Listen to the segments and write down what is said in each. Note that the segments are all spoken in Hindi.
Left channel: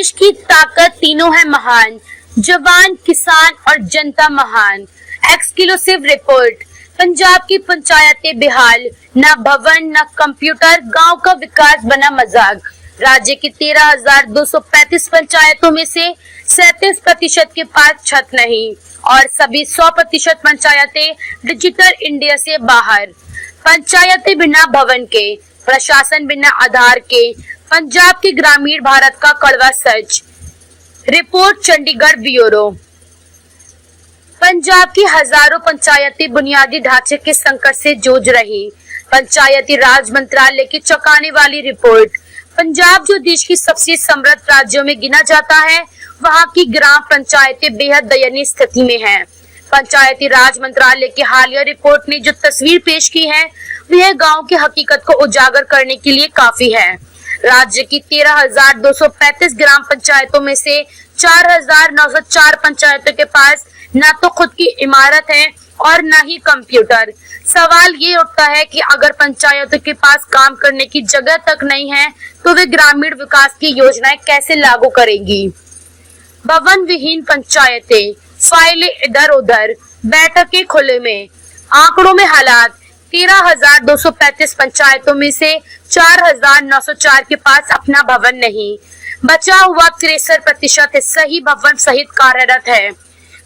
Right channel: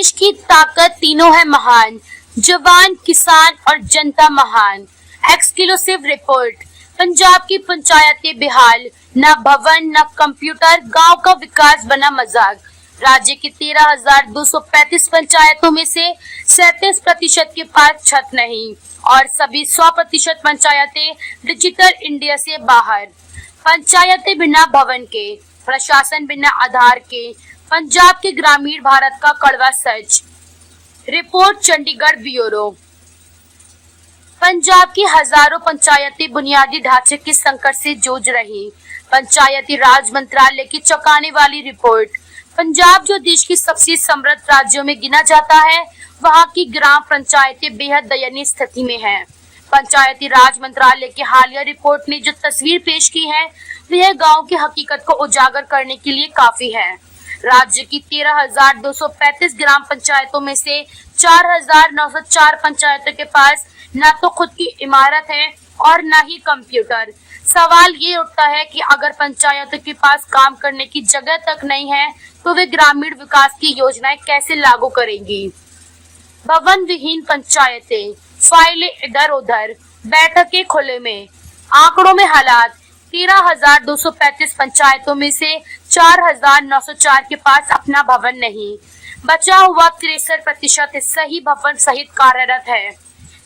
देश की ताकत तीनों है महान, जवान, किसान और जनता महान। Exclusive report. पंजाब की पंचायतें बेहाल, न भवन न कंप्यूटर, गांव का विकास बना मजाक। राज्य की 13,235 पंचायतों में से 37% के पास छत नहीं और सभी 100% पंचायतें डिजिटल इंडिया से बाहर। पंचायतें बिना भवन के, प्रशासन बिना आधार के, पंजाब के ग्रामीण भारत का कड़वा सच। Report Chandigarh bureau. पंजाब की हजारों पंचायतें बुनियादी ढांचे के संकट से जूझ रही। पंचायती राज मंत्रालय की चौंकाने वाली रिपोर्ट। पंजाब जो देश की सबसे समृद्ध राज्यों में गिना जाता है, वहां की ग्राम पंचायतें बेहद दयनीय स्थिति में हैं। पंचायती राज मंत्रालय की हालिया रिपोर्ट ने जो तस्वीर पेश की है, वह गांव की हकीकत को उजागर करने के लिए काफी है। राज्य की 13,235 ग्राम पंचायतों में से 4,904 पंचायतों के पास न तो खुद की इमारत है और न ही कंप्यूटर। सवाल ये उठता है कि अगर पंचायतों के पास काम करने की जगह तक नहीं है, तो वे ग्रामीण विकास की योजनाएं कैसे लागू करेंगी। भवन विहीन पंचायतें, फाइलें इधर उधर, बैठकें खुले में। आंकड़ों में हालात। 13,235 पंचायतों में से 4,904 के पास अपना भवन नहीं। बचा हुआ 63% हिस्सा ही भवन सहित कार्यरत है।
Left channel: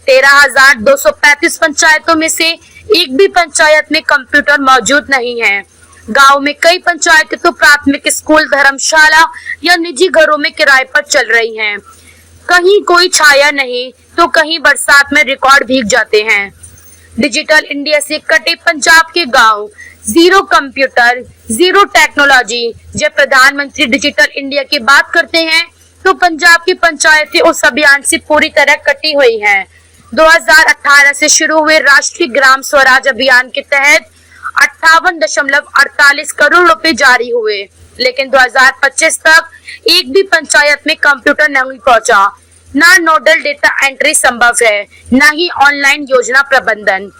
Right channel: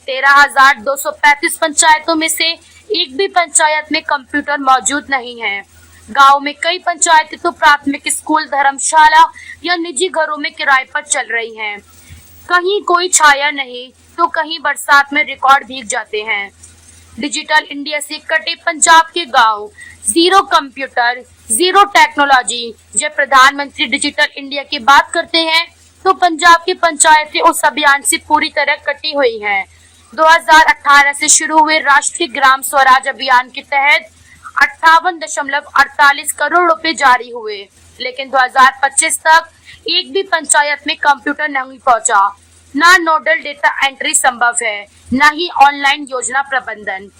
13,235 पंचायतों में से एक भी पंचायत में कंप्यूटर मौजूद नहीं है। गांव में कई पंचायतें तो प्राथमिक स्कूल, धर्मशाला या निजी घरों में किराए पर चल रही हैं। कहीं कोई छाया नहीं तो कहीं बरसात में रिकॉर्ड भीग जाते हैं। डिजिटल इंडिया से कटे पंजाब के गांव, जीरो कंप्यूटर, जीरो टेक्नोलॉजी। जब प्रधानमंत्री डिजिटल इंडिया की बात करते हैं, तो पंजाब की पंचायतें उस अभियान से पूरी तरह कटी हुई हैं। 2018 से शुरू हुए राष्ट्रीय ग्राम स्वराज अभियान के तहत 58.48 करोड़ रुपए जारी हुए, लेकिन 2025 तक एक भी पंचायत में कंप्यूटर नहीं पहुंचा। ना नोडल डेटा एंट्री संभव है, न ही ऑनलाइन योजना प्रबंधन।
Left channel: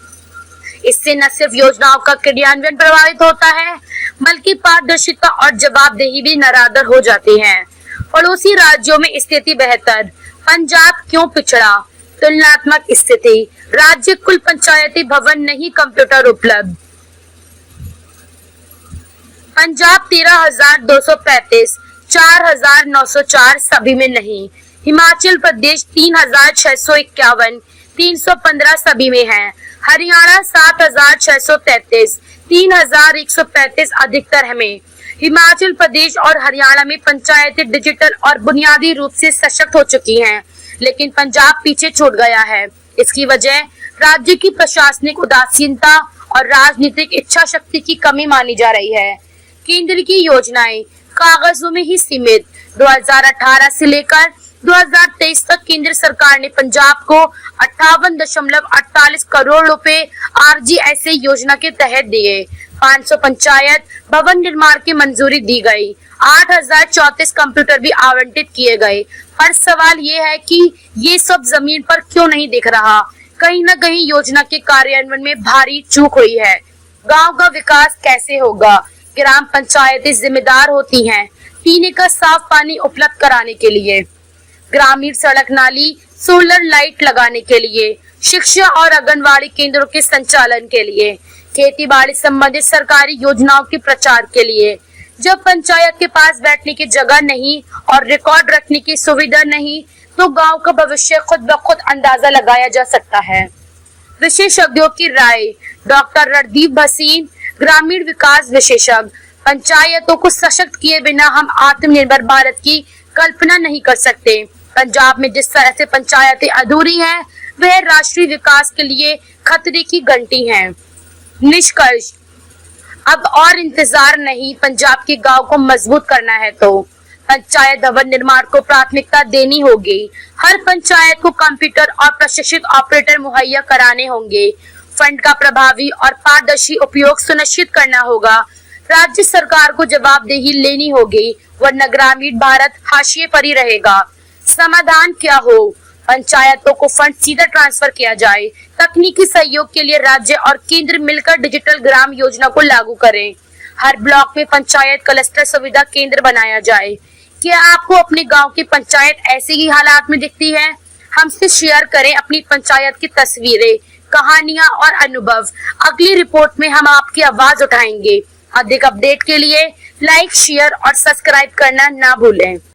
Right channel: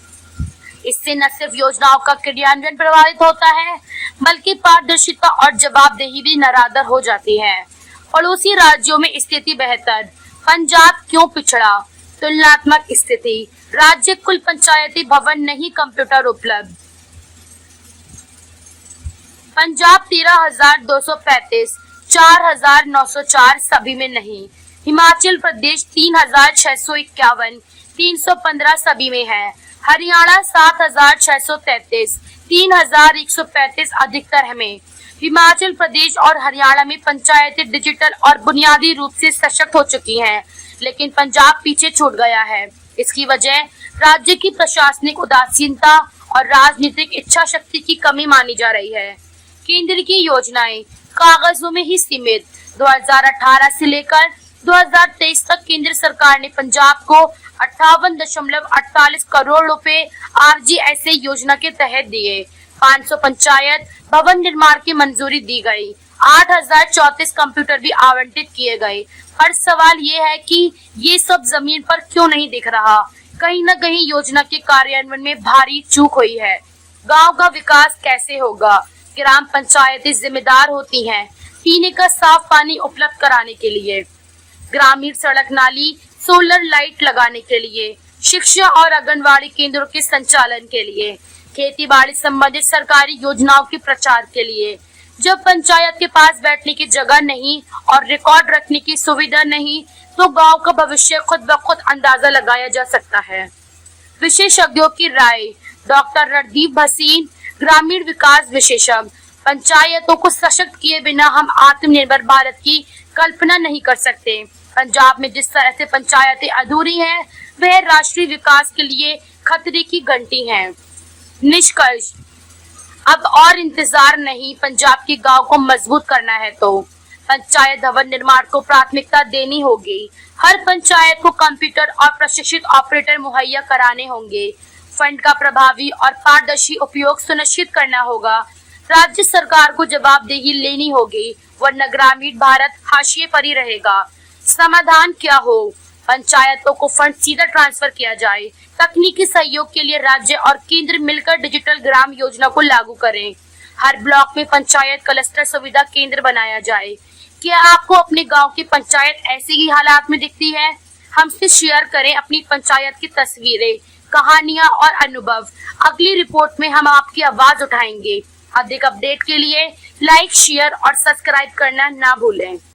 इससे न सिर्फ योजनाओं का क्रियान्वयन प्रभावित होता है, बल्कि पारदर्शिता और जवाबदेही भी नरादर हो जाती है। पड़ोसी राज्यों में स्थिति बेहतर, पंजाब क्यों पिछड़ा। तुलनात्मक स्थिति। राज्य कुल पंचायती भवन नहीं, कंप्यूटर उपलब्ध। पंजाब 13,235, 4,904 सभी में नहीं। हिमाचल प्रदेश 3,651, 315 सभी में है। हरियाणा 7,633, 3,135 अधिकतर में। हिमाचल प्रदेश और हरियाणा में पंचायतें डिजिटल और बुनियादी रूप से सशक्त हो चुकी हैं, लेकिन पंजाब पीछे छूट गया है। इसकी वजह राज्य की प्रशासनिक उदासीनता और राजनीतिक इच्छा शक्ति की कमी मानी जा रही है। केंद्र की योजनाएं कागजों में ही सीमित। 2018 से लेकर 2023 तक केंद्र सरकार ने पंजाब को 58.48 करोड़ रुपए RGSA योजना के तहत दिए। 500 पंचायत भवन निर्माण की मंजूरी दी गई। 8,034 कंप्यूटर भी आवंटित किए गए। पर सवाल ये है कि ये सब जमीन पर क्यों नहीं दिख रहा। कहीं न कहीं योजना के कार्यान्वयन में भारी चूक हुई है। गांव का विकास कैसे होगा। ग्राम पंचायतें जिम्मेदार होती हैं पीने का साफ पानी उपलब्ध कराने के लिए, ग्रामीण सड़क नाली, सोलर लाइट लगाने के लिए, शिक्षा और आंगनबाड़ी केंद्रों के संचालन के लिए, खेती बाड़ी संबंधित सरकारी योजनाओं के प्रचार के लिए। जब पंचायत के पास बैठने की जगह नहीं और रिकॉर्ड रखने की सुविधा नहीं, तो गांव का भविष्य खुद ब खुद अंदाजा लगाया जा सकता है। विशेषज्ञों की राय। डॉक्टर रणदीप भसीन, ग्रामीण विकास विशेषज्ञ। पंचायतों को सशक्त किए बिना हम आत्मनिर्भर भारत की कल्पना नहीं कर सकते। पंजाब में जिस तरह से पंचायतें अधूरी हैं, वह राष्ट्रीय विकास के लिए खतरे की घंटी हैं। निष्कर्ष। अब और इंतजार नहीं, पंजाब के गांव को मजबूत करना है तो पंचायत भवन निर्माण को प्राथमिकता देनी होगी। हर पंचायत को कंप्यूटर और प्रशिक्षित ऑपरेटर मुहैया कराने होंगे। फंड का प्रभावी और पारदर्शी उपयोग सुनिश्चित करना होगा। राज्य सरकार को जवाबदेही लेनी होगी, वरना ग्रामीण भारत हाशिए पर ही रहेगा। समाधान क्या हो। पंचायतों को फंड सीधा ट्रांसफर किया जाए। तकनीकी सहयोग के लिए राज्य और केंद्र मिलकर डिजिटल ग्राम योजना को लागू करें। हर ब्लॉक में पंचायत क्लस्टर सुविधा केंद्र बनाया जाए। क्या आपको अपने गांव की पंचायत ऐसे ही हालात में दिखती है? हमसे शेयर करें अपनी पंचायत की तस्वीरें, कहानियां और अनुभव। अगली रिपोर्ट में हम आपकी आवाज उठाएंगे। अधिक अपडेट के लिए लाइक, शेयर और सब्सक्राइब करना ना भूलें।